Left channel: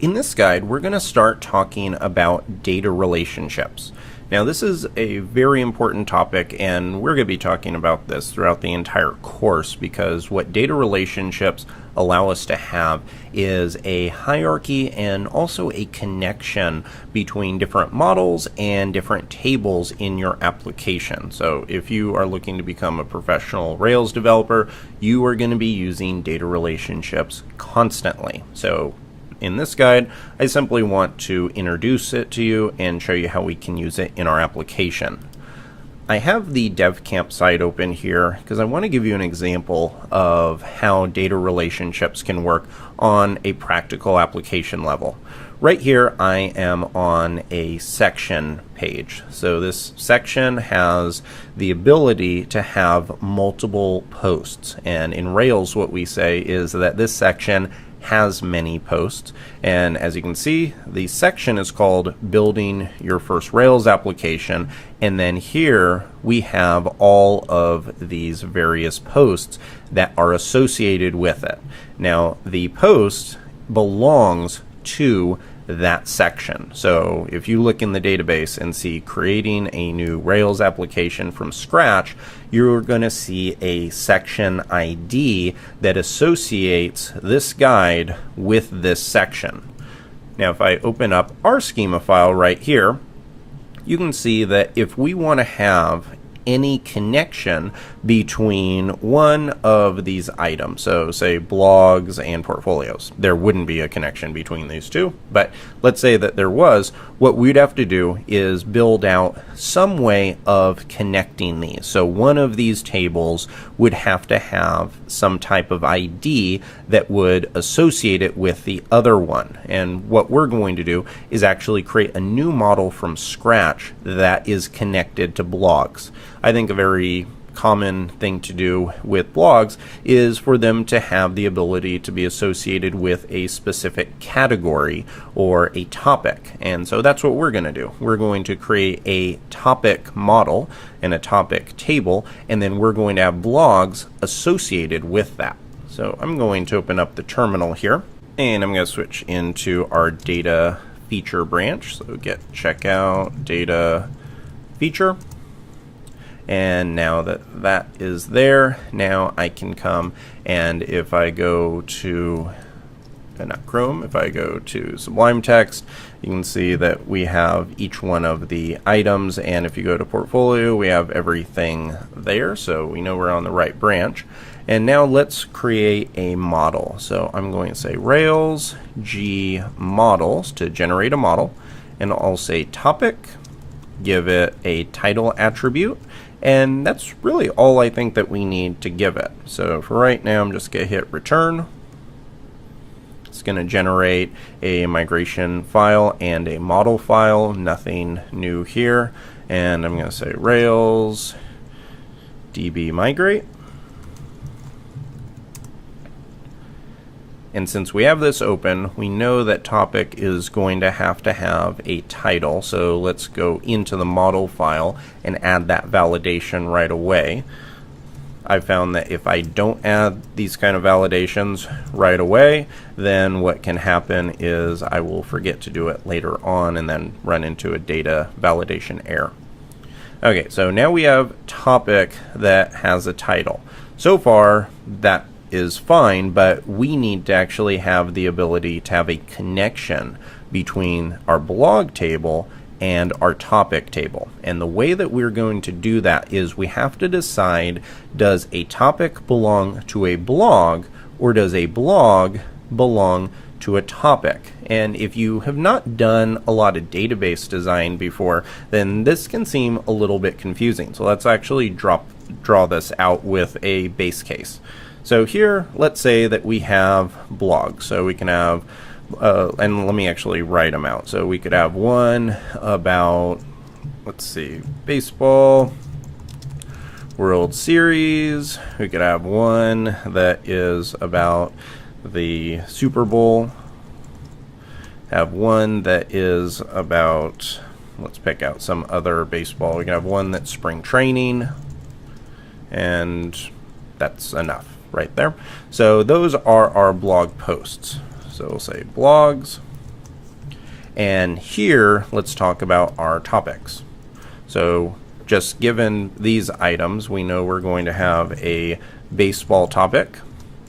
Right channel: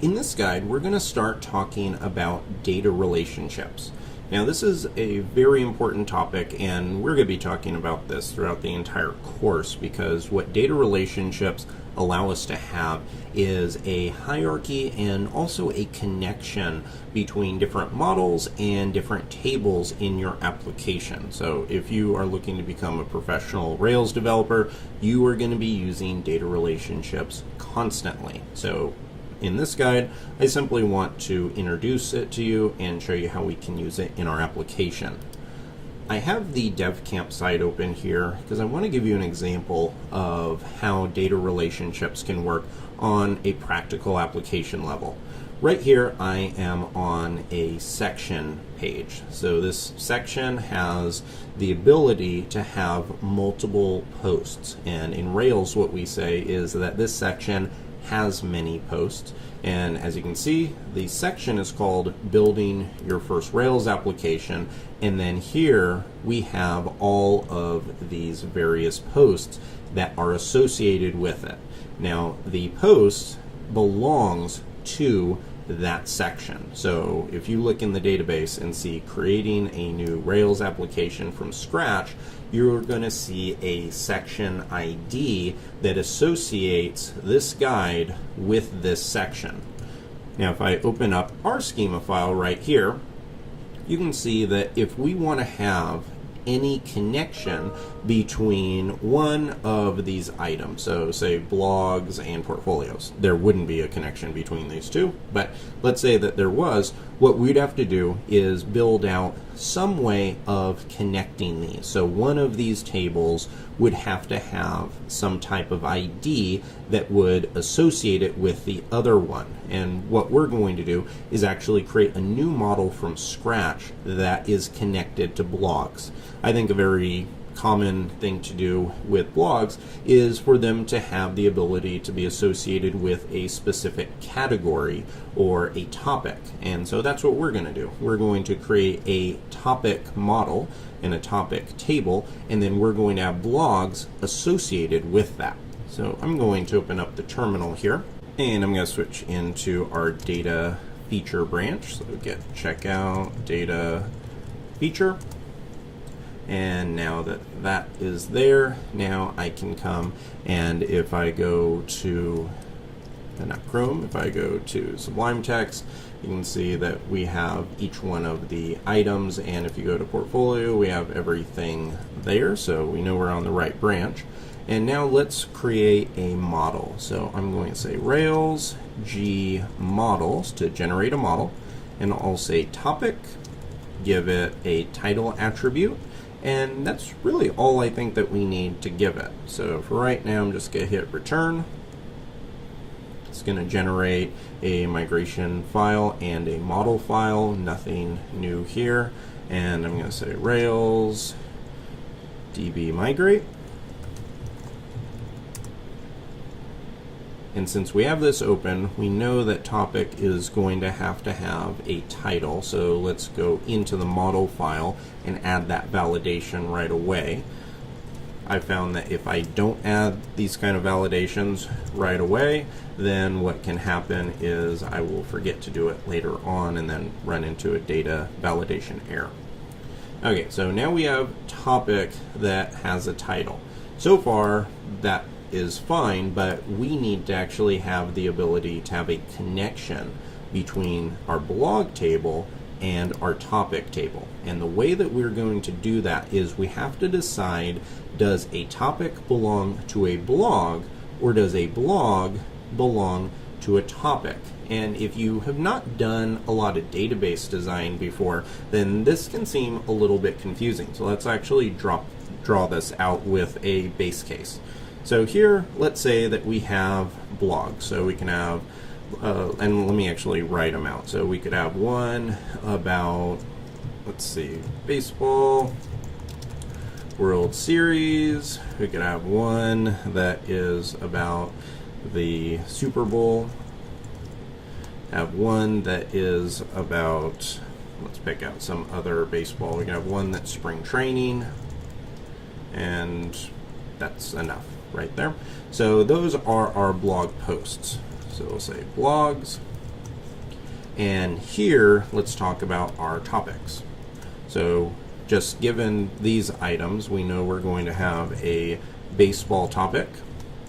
In this guide, we're going to start talking about data relationships. Now, this is a very important topic, and we're going to be talking about this throughout the entire course because what data relationships allow us to have is a hierarchy and also a connection between different models and different tables in your application. So if you are looking to become a professional Rails developer, you are going to be using data relationships constantly. So in this guide, I simply want to introduce it to you and show you how we can use it in our application. I have the DevCamp site open here because I want to give you an example of how data relationships can work on a practical application level. Right here, I am on a section page. So this section has the ability to have multiple posts. And in Rails, what we say is that this section has many posts, and as you can see, the section is called Building Your First Rails Application, and then here we have all of these various posts that are associated with it. Now, the post belongs to that section. So if you look in the database and see creating a new Rails application from scratch, you're going to see a section ID that associates this guide with this section. Now, if I open up our schema file right here, you can see that if we want to have any connection between one of these items, so say blogs and portfolios, there wouldn't be a connection between these two, but let's say that there was, what we'd have to do is build out some way of connecting these. So one of these tables would have to have some type of ID that would associate it with the other one. And what we're going to do is actually create a new model from scratch that is connected to blogs. I think a very common thing to do with blogs is for them to have the ability to be associated with a specific category or a topic. And so that's what we're going to do. We're going to create a topic model and a topic table, and then we're going to have blogs associated with that. So I'm going to open up the terminal here, and I'm going to switch into our data feature branch. So get checkout data feature. And now that that is there, now I can come and if I go to, not Chrome, if I go to Sublime Text, you can see that we have each one of the items, and if you go to Portfolio, we have everything there, so we know we're on the right branch. And now let's create a model. So I'm going to say Rails G models to generate a model, and I'll say topic, give it a title attribute, and that's really all I think that we need to give it. So for right now, I'm just going to hit return. It's going to generate a migration file and a model file, nothing new here. And I'm going to say Rails DB migrate. And since we have this open, we know that topic is going to have a title. So let's go into the model file and add that validation right away. I found that if I don't add these kind of validations right away, then what can happen is I will forget to do it later on and then run into a data validation error. Okay, so now we have topic that has a title. So far, that is fine, but we need to actually have the ability to have a connection between our blog table and our topic table. And the way that we're going to do that is we have to decide, does a topic belong to a blog or does a blog belong to a topic? And if you have not done a lot of database design before, then this can seem a little bit confusing. So let's actually draw this out with a base case. So here, let's say that we have blogs. So we can have, and let me actually write them out. So we could have one about, let's see, baseball, World Series. We could have one that is about the Super Bowl. Have one that is about, let's pick out some other baseball. We can have one that's spring training, and that's enough right there. So those are our blog posts. So we'll say blogs, And here, let's talk about our topics. So just given these items, we know we're going to have a baseball topic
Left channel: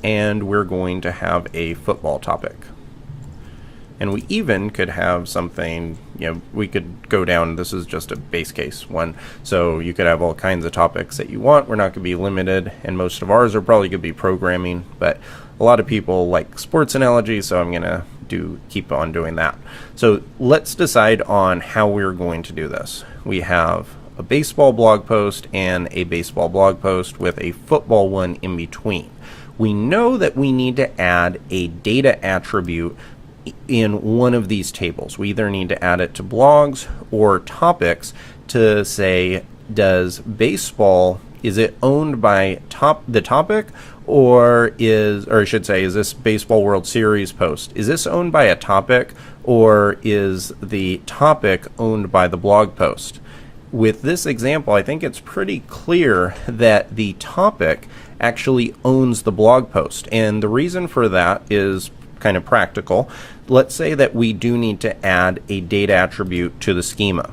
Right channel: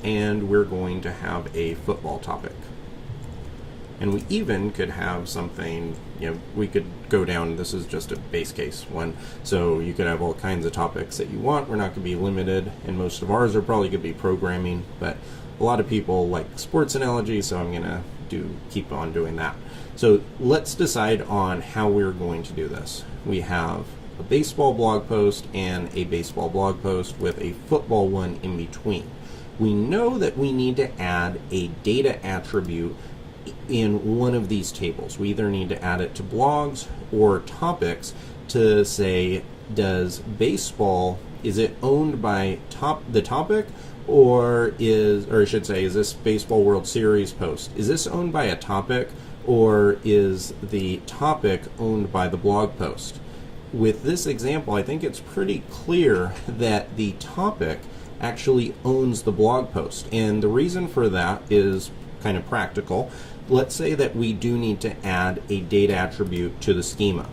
and we're going to have a football topic. And we even could have something, we could go down, this is just a base case one, so you could have all kinds of topics that you want. We're not going to be limited, and most of ours are probably going to be programming, but a lot of people like sports analogies, so I'm going to keep on doing that. So let's decide on how we're going to do this. We have a baseball blog post and a baseball blog post with a football one in between. We know that we need to add a data attribute in one of these tables. We either need to add it to blogs or topics to say, does baseball, is it owned by the topic, or I should say, is this Baseball World Series post, is this owned by a topic, or is the topic owned by the blog post? With this example, I think it's pretty clear that the topic actually owns the blog post, and the reason for that is kind of practical. Let's say that we do need to add a data attribute to the schema.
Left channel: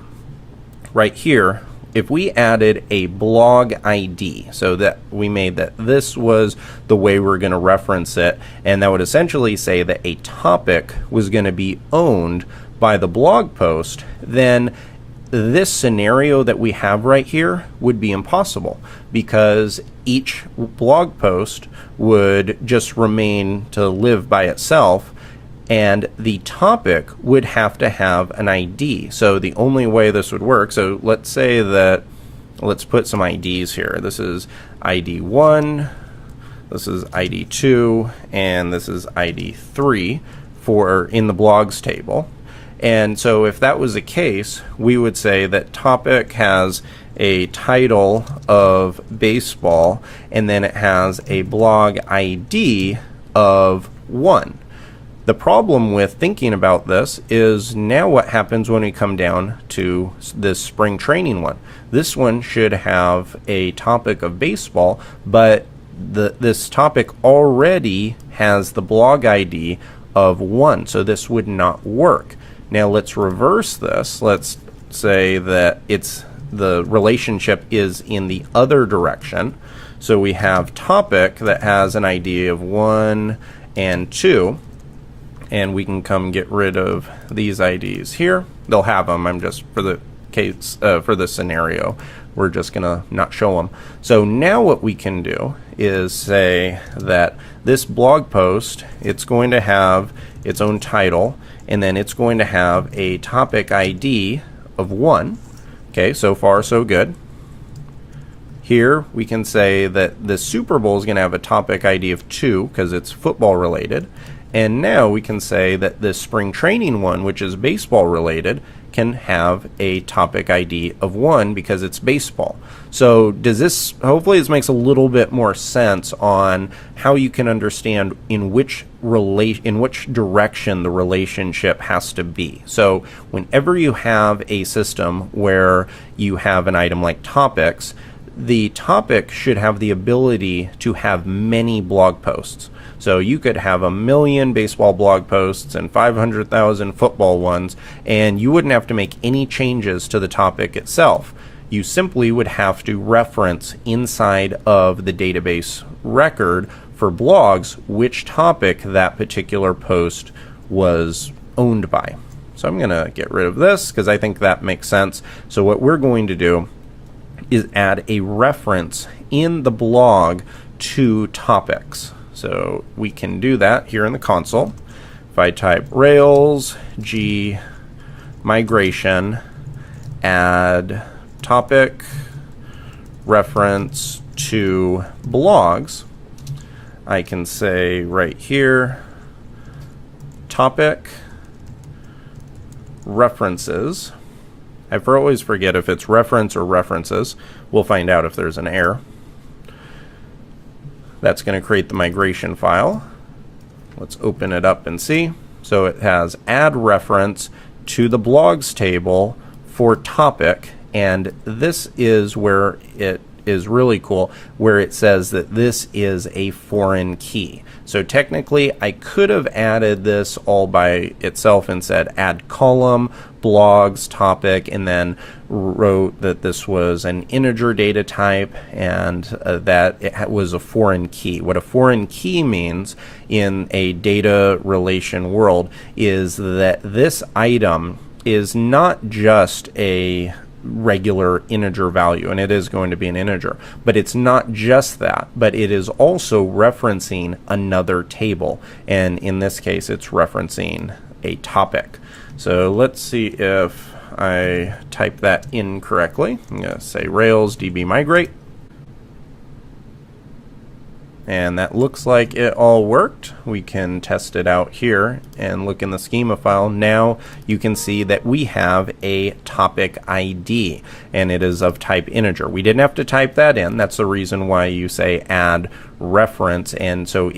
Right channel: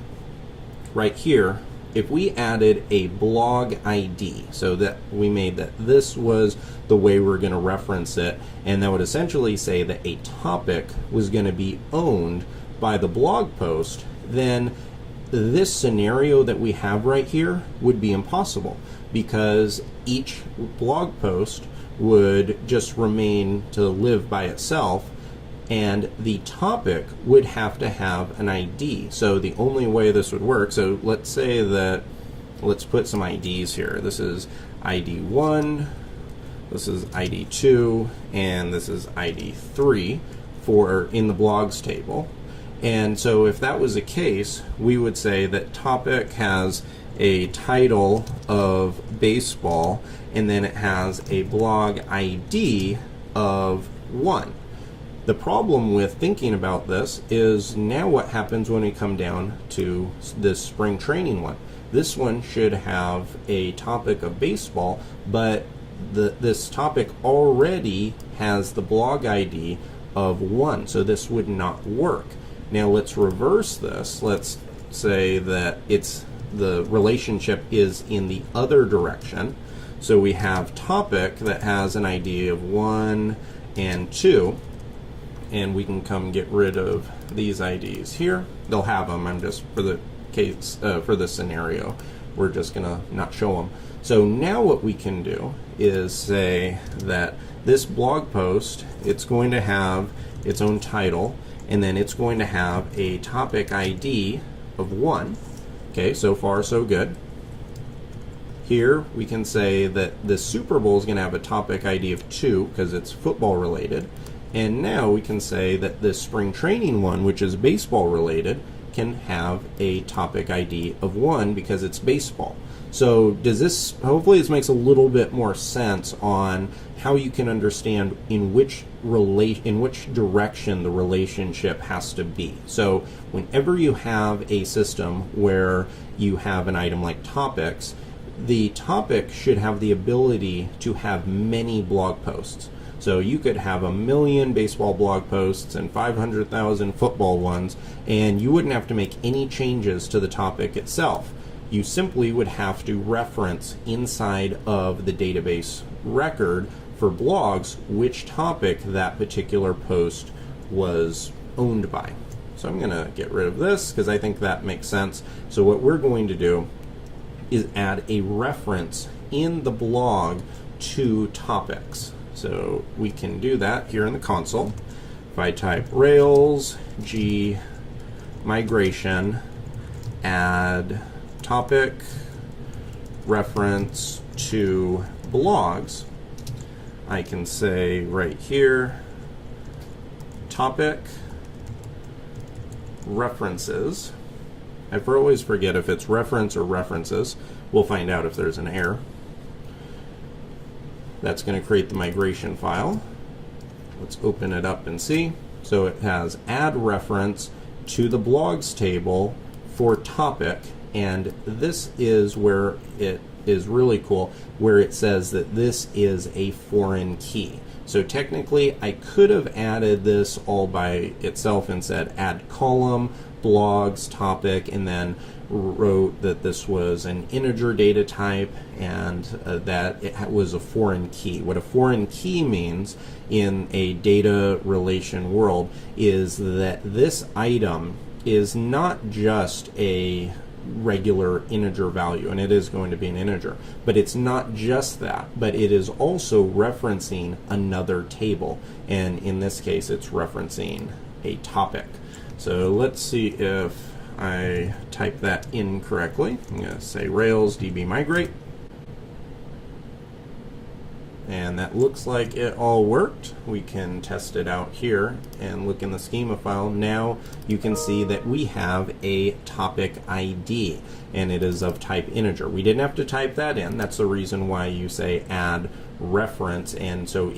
Right here, if we added a blog ID, so that we made that this was the way we're going to reference it, and that would essentially say that a topic was going to be owned by the blog post, then this scenario that we have right here would be impossible, because each blog post would just remain to live by itself, and the topic would have to have an ID. So the only way this would work, so let's say that, let's put some IDs here. This is ID 1, this is ID 2, and this is ID 3 for in the blogs table. And so if that was the case, we would say that topic has a title of baseball, and then it has a blog ID of 1. The problem with thinking about this is now what happens when we come down to this spring training one. This one should have a topic of baseball, but this topic already has the blog ID of 1, so this would not work. Now let's reverse this. Let's say that the relationship is in the other direction. So we have topic that has an ID of 1 and 2, and we can come get rid of these IDs here. They'll have them. I'm just, for the case, for the scenario, we're just gonna not show them. So now what we can do is say that this blog post, it's going to have its own title, and then it's going to have a topic ID of 1. Okay, so far so good. Here we can say that the Super Bowl is going to have a topic ID of 2 because it's football related. And now we can say that this spring training one, which is baseball related, can have a topic ID of 1 because it's baseball. So does this, hopefully this makes a little bit more sense on how you can understand in which direction the relationship has to be. So whenever you have a system where you have an item like topics, the topic should have the ability to have many blog posts. So you could have 1 million baseball blog posts and 500,000 football ones, and you wouldn't have to make any changes to the topic itself. You simply would have to reference inside of the database record for blogs which topic that particular post was owned by. So I'm going to get rid of this because I think that makes sense. So what we're going to do is add a reference in the blog to topics. So we can do that here in the console. If I type Rails G migration add topic reference to blogs, I can say right here topic references. I always forget if it's reference or references. We'll find out if there's an error. That's going to create the migration file. Let's open it up and see. So it has add reference to the blogs table for topic, and this is where it is really cool, where it says that this is a foreign key. So technically I could have added this all by itself and said add column, blogs, topic, and then wrote that this was an integer data type and that it was a foreign key. What a foreign key means in a data relation world is that this item is not just a regular integer value, and it is going to be an integer, but it's not just that, but it is also referencing another table, and in this case it's referencing a topic. So let's see if I type that in correctly. I'm going to say Rails DB migrate, and that looks like it all worked. We can test it out here and look in the schema file. Now you can see that we have a topic ID, and it is of type integer. We didn't have to type that in. That's the reason why you say add reference, and so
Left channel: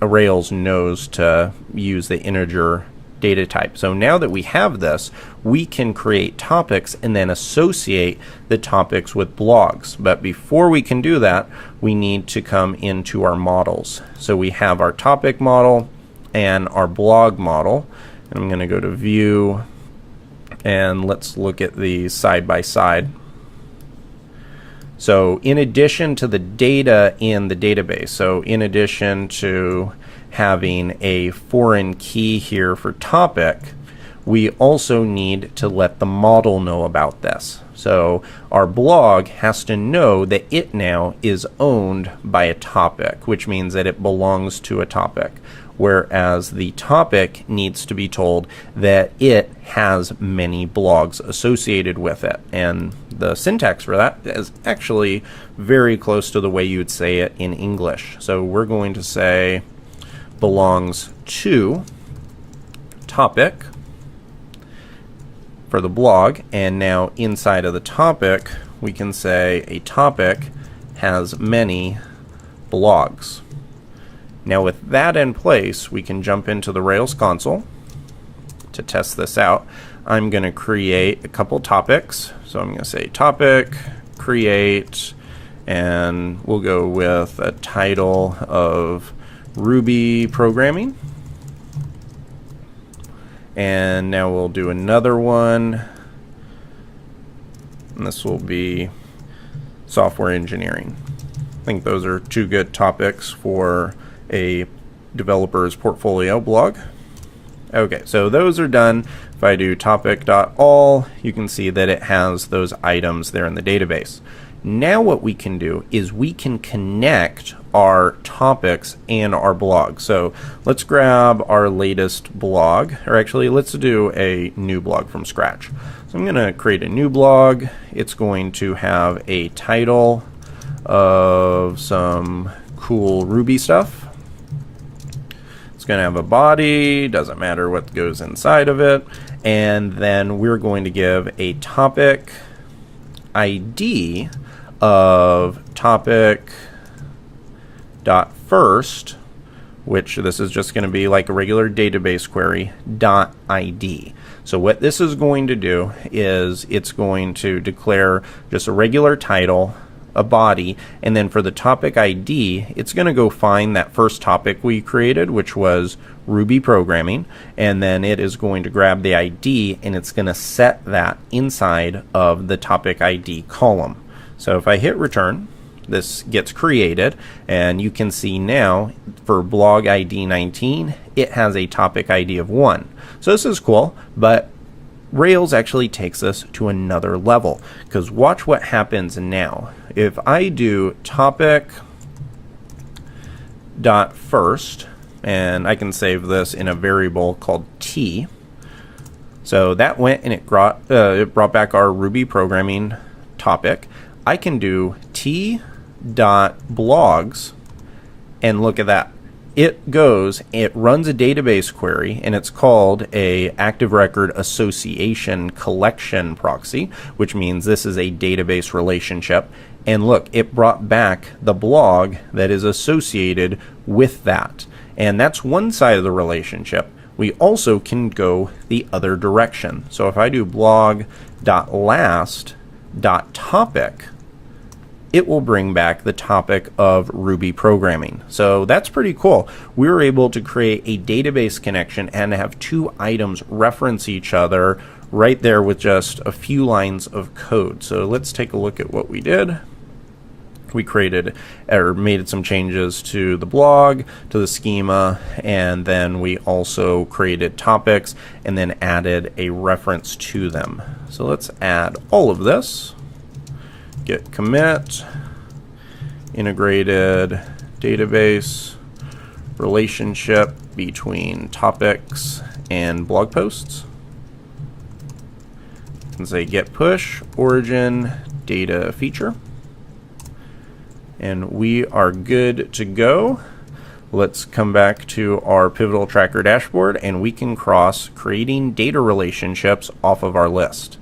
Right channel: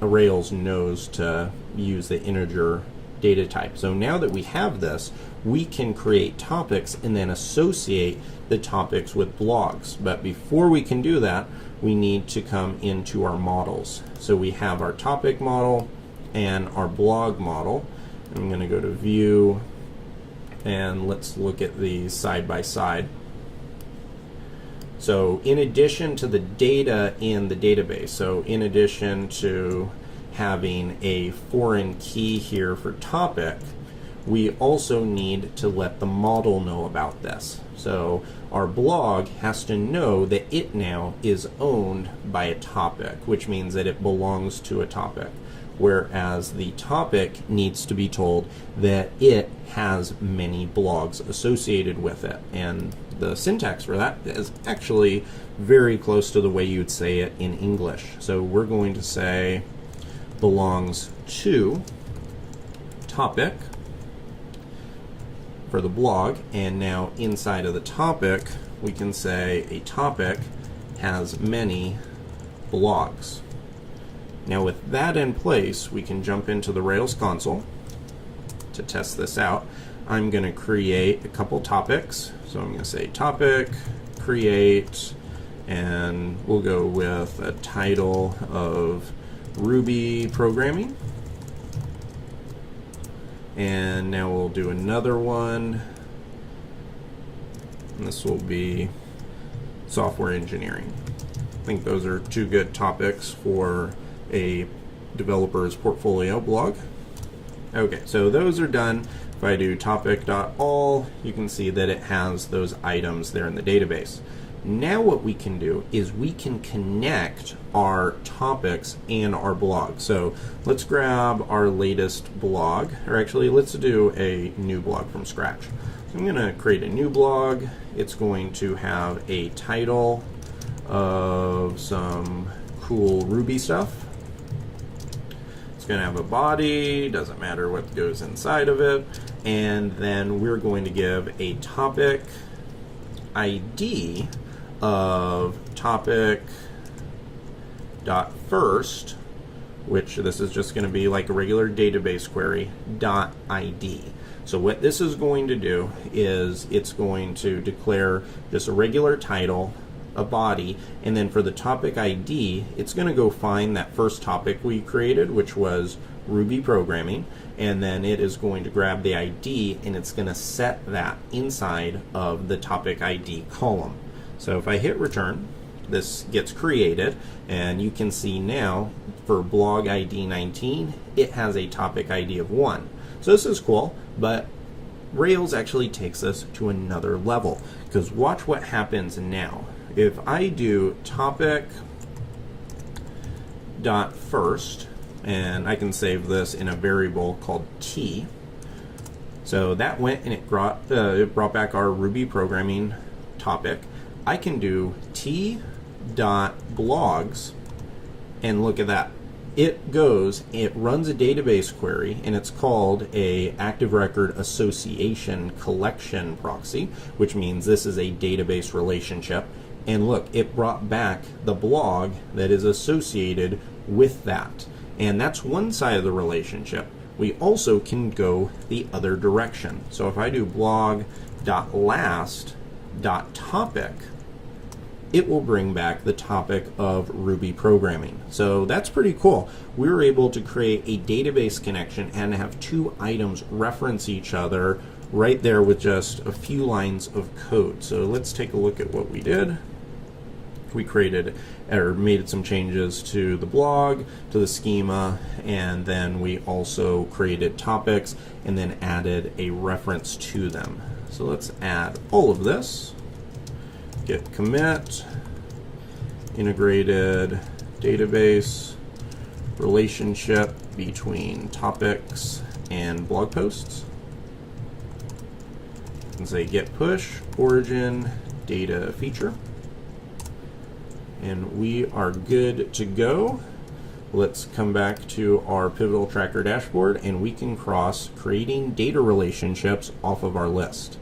Rails knows to use the integer data type. So now that we have this, we can create topics and then associate the topics with blogs. But before we can do that, we need to come into our models. So we have our topic model and our blog model. And I'm going to go to view, and let's look at these side by side. So in addition to the data in the database, so in addition to having a foreign key here for topic, we also need to let the model know about this. So our blog has to know that it now is owned by a topic, which means that it belongs to a topic, whereas the topic needs to be told that it has many blogs associated with it. And the syntax for that is actually very close to the way you would say it in English. So we're going to say belongs to topic for the blog, and now inside of the topic we can say a topic has many blogs. Now with that in place, we can jump into the Rails console to test this out. I'm going to create a couple topics, so I'm going to say topic create, and we'll go with a title of Ruby programming. And now we'll do another one, and this will be software engineering. I think those are two good topics for a developer's portfolio blog. Okay, so those are done. If I do topic.all, you can see that it has those items there in the database. Now what we can do is we can connect our topics and our blog. So let's grab our latest blog, or actually let's do a new blog from scratch. So I'm going to create a new blog. It's going to have a title of some cool Ruby stuff. It's going to have a body, doesn't matter what goes inside of it, and then we're going to give a topic ID of topic.first, which this is just going to be like a regular database query, .id. So what this is going to do is it's going to declare just a regular title, a body, and then for the topic ID, it's going to go find that first topic we created, which was Ruby programming, and then it is going to grab the ID and it's going to set that inside of the topic ID column. So if I hit return, this gets created, and you can see now for blog ID 19, it has a topic ID of 1. So this is cool, but Rails actually takes us to another level, because watch what happens now. If I do topic.first, and I can save this in a variable called t, so that went and it brought back our Ruby programming topic. I can do t.blogs, and look at that. It runs a database query, and it's called a Active Record Association Collection Proxy, which means this is a database relationship. And look, it brought back the blog that is associated with that. And that's one side of the relationship. We also can go the other direction. So if I do blog.last.topic, it will bring back the topic of Ruby programming. So that's pretty cool. We were able to create a database connection and have two items reference each other right there with just a few lines of code. So let's take a look at what we did. We created or made some changes to the blog, to the schema, and then we also created topics and then added a reference to them. So let's add all of this. Git commit, integrated database relationship between topics and blog posts. And say get push origin data feature. And we are good to go. Let's come back to our Pivotal Tracker dashboard and we can cross creating data relationships off of our list.